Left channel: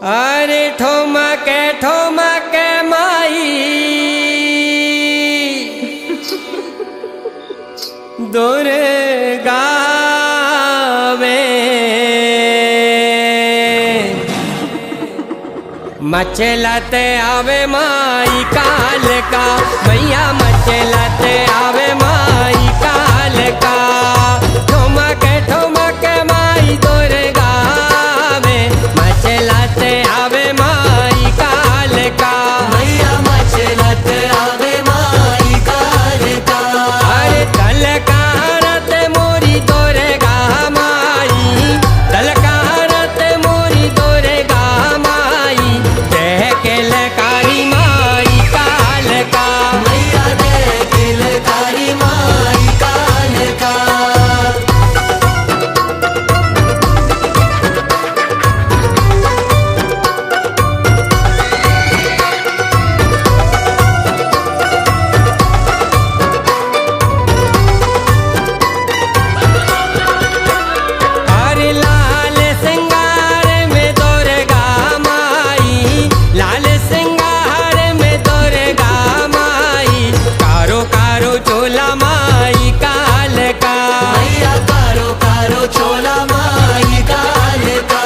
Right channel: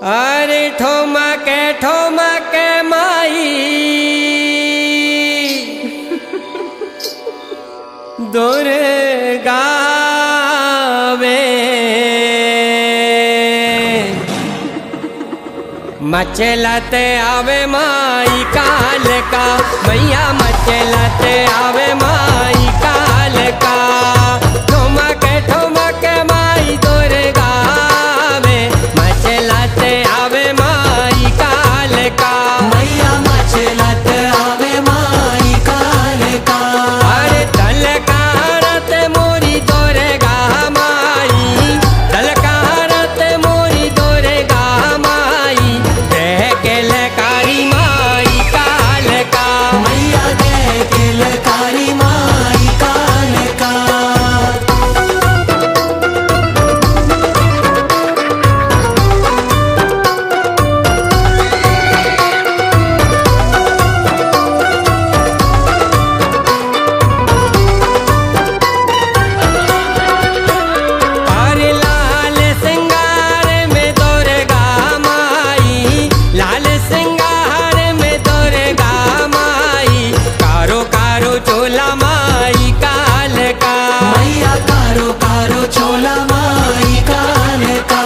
अरे ठोमके माई दुर्गा वे मचलते आवे माई काल का मैया मचलते आवे माई काल का ठोमके माई दुर्गा वे मचलते आवे माई काल का मैया मचलत आवे माई काल का। अरे दलकारत मोरी दुर्गा माई दलकारत मोरी दुर्गा माई देह के लकारी माई काल का मैया दे किलकारी माई काल का। अरे लाल सिंगार में दुर्गा माई लाल सिंगार में दुर्गा माई कारो कारो चोला माई काल का मैया कारो कारो चोला माई काल का।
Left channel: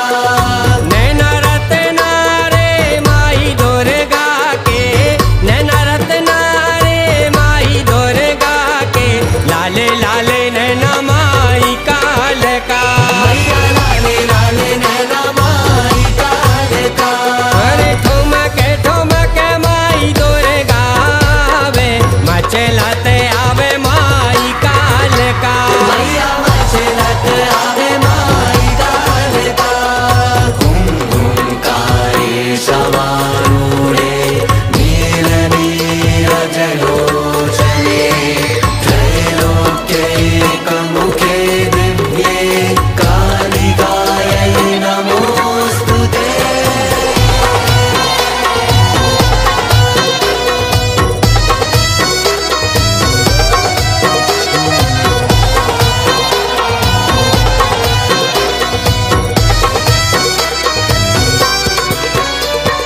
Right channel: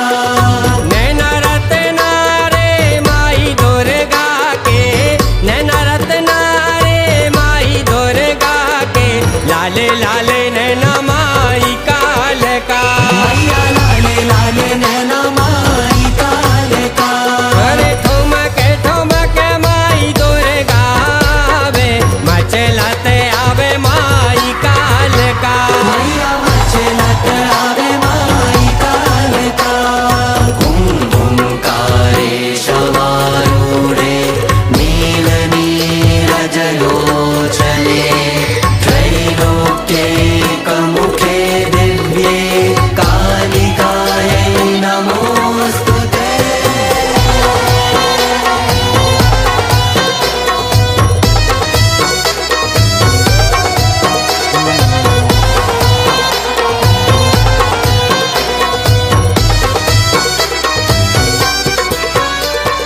नैना रत्ना रे माई दुर्गा के नैना रत्ना रे माई दुर्गा के लाले लाले नैना माई काल का मैया लाले लाले नैना माई काल का। अरे ठोमके माई दुर्गा वे मचलते आवे माई काल का मैया मचलत आवे माई काल का। हुंकारे शवारूढ़े नील नीरज लोचने त्रैलोक्यैकमुखे दिव्ये कालिकायै नमोऽस्तुते।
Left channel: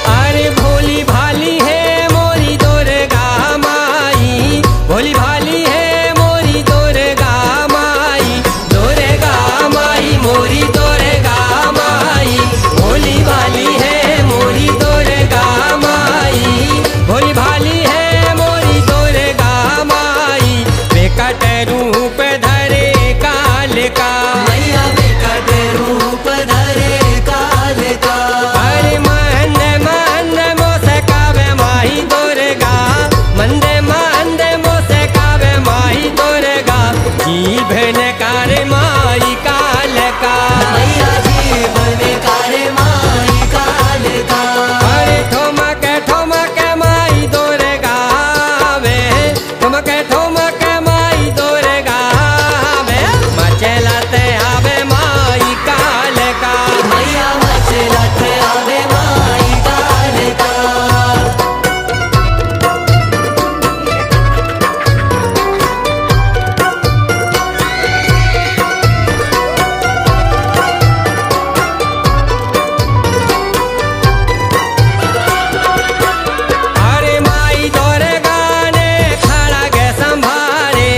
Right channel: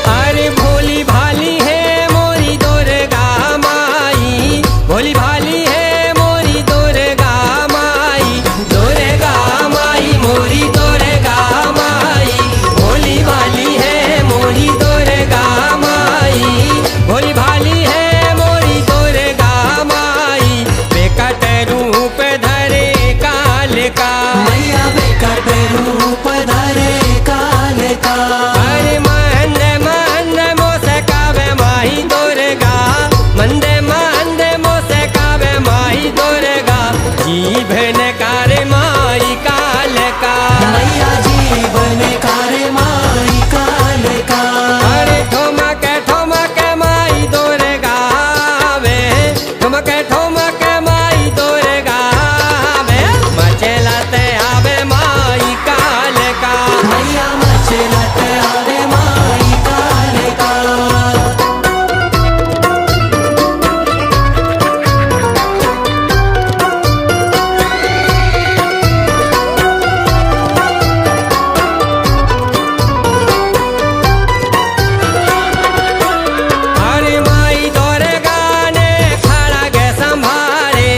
अरे भोली भाली है मोरी दुर्गा माई भोली भाली है मोरी दुर्गा माई मोरी दुर्गा माई भोली भाली है मोरी दुर्गा माई भोली भाली है मोरी दुर्गा माई बेकट रूप धरे काल का मैया विकट रूप धरे काल का। अरे मंद मोसे कावे माही दुर्गा मंदे मोसे कावे माही दुर्गा जीवन कार्य माई काल का मैया जीवन कार्य माई काल का। अरे ठोमके माई दुर्गा वे ठोमके माई दुर्गा वे मचलते आवे माई काल का मैया मचलत आवे माई काल का। अरे माई दुर्गा ने खड़ा गे संभारे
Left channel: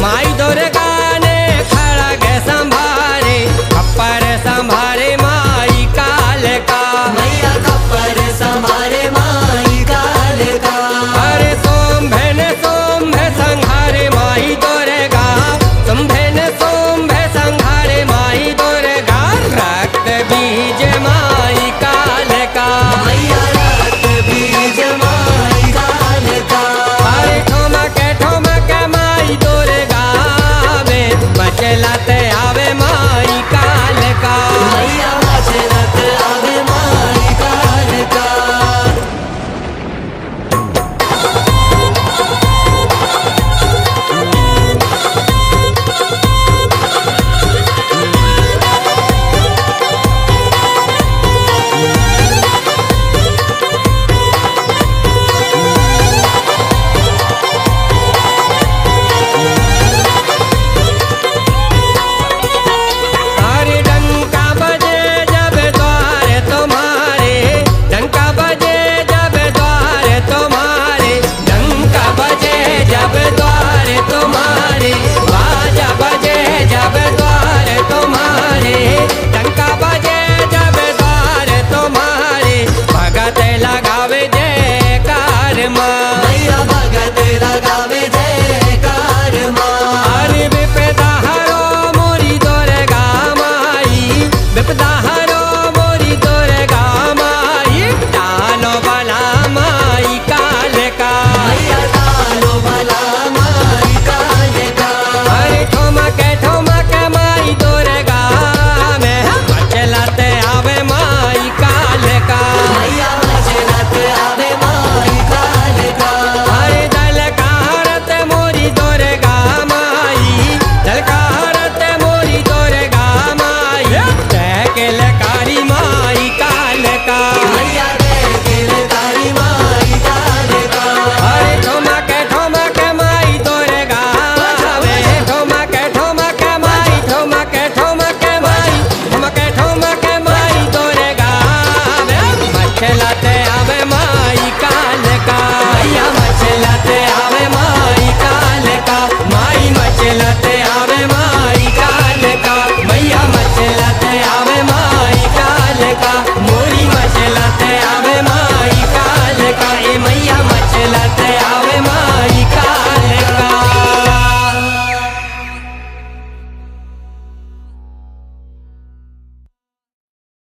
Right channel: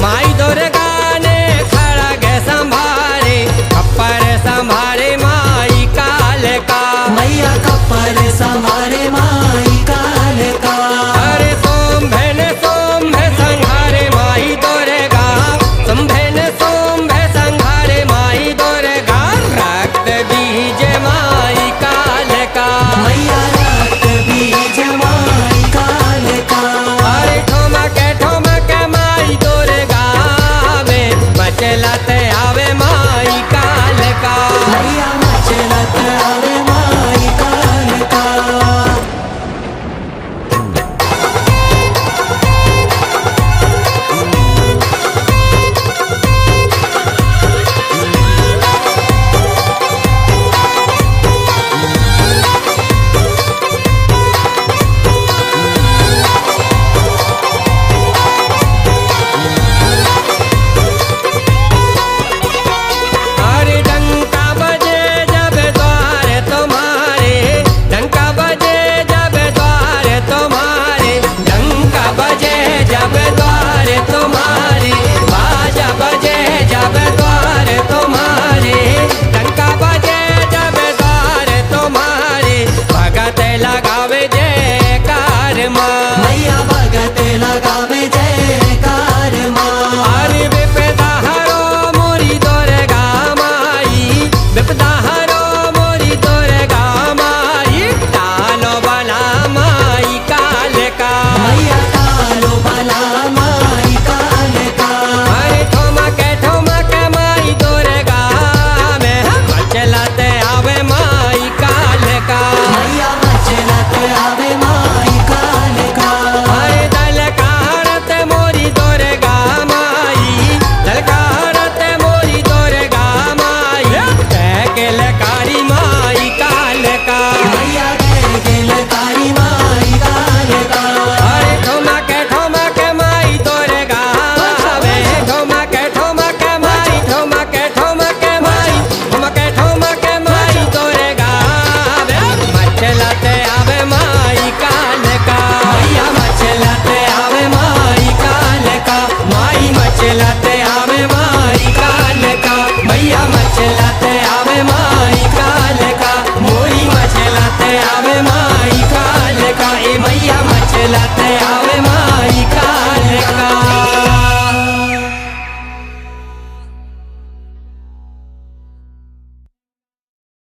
माई दुर्गा ने खड़ा गे संभारे खप्पर संभारे माई काल का मैया कपर संभारे माई काल का। अरे सोम्भे संहारे माई दुर्गा सोम्भे संहारे माई दुर्गा रक्त बीज माई काल का मैया रक्त बीज माई काल का। अरे ठोमके माई दुर्गा वे मचलते आवे माई काल का मैया विपदा हरो मोरी दुर्गा माई टालो बला माई काल का मैया टालो बला माई काल का अरे ठोमक माई दुर्गा में मचलते आवे माई काल का मैया मचलत आवे माई काल का अरे दलकारत मोरी दुर्गा माई दलकारत मोरी दुर्गा माई कारी माई काल का मैया कारी माई काल का अरे ठोमक माई दुर्गा वे ठोमक माई ठोमक माई ठोमक माई दुर्गा वे मचलते आवे माई काल का मैया मचलत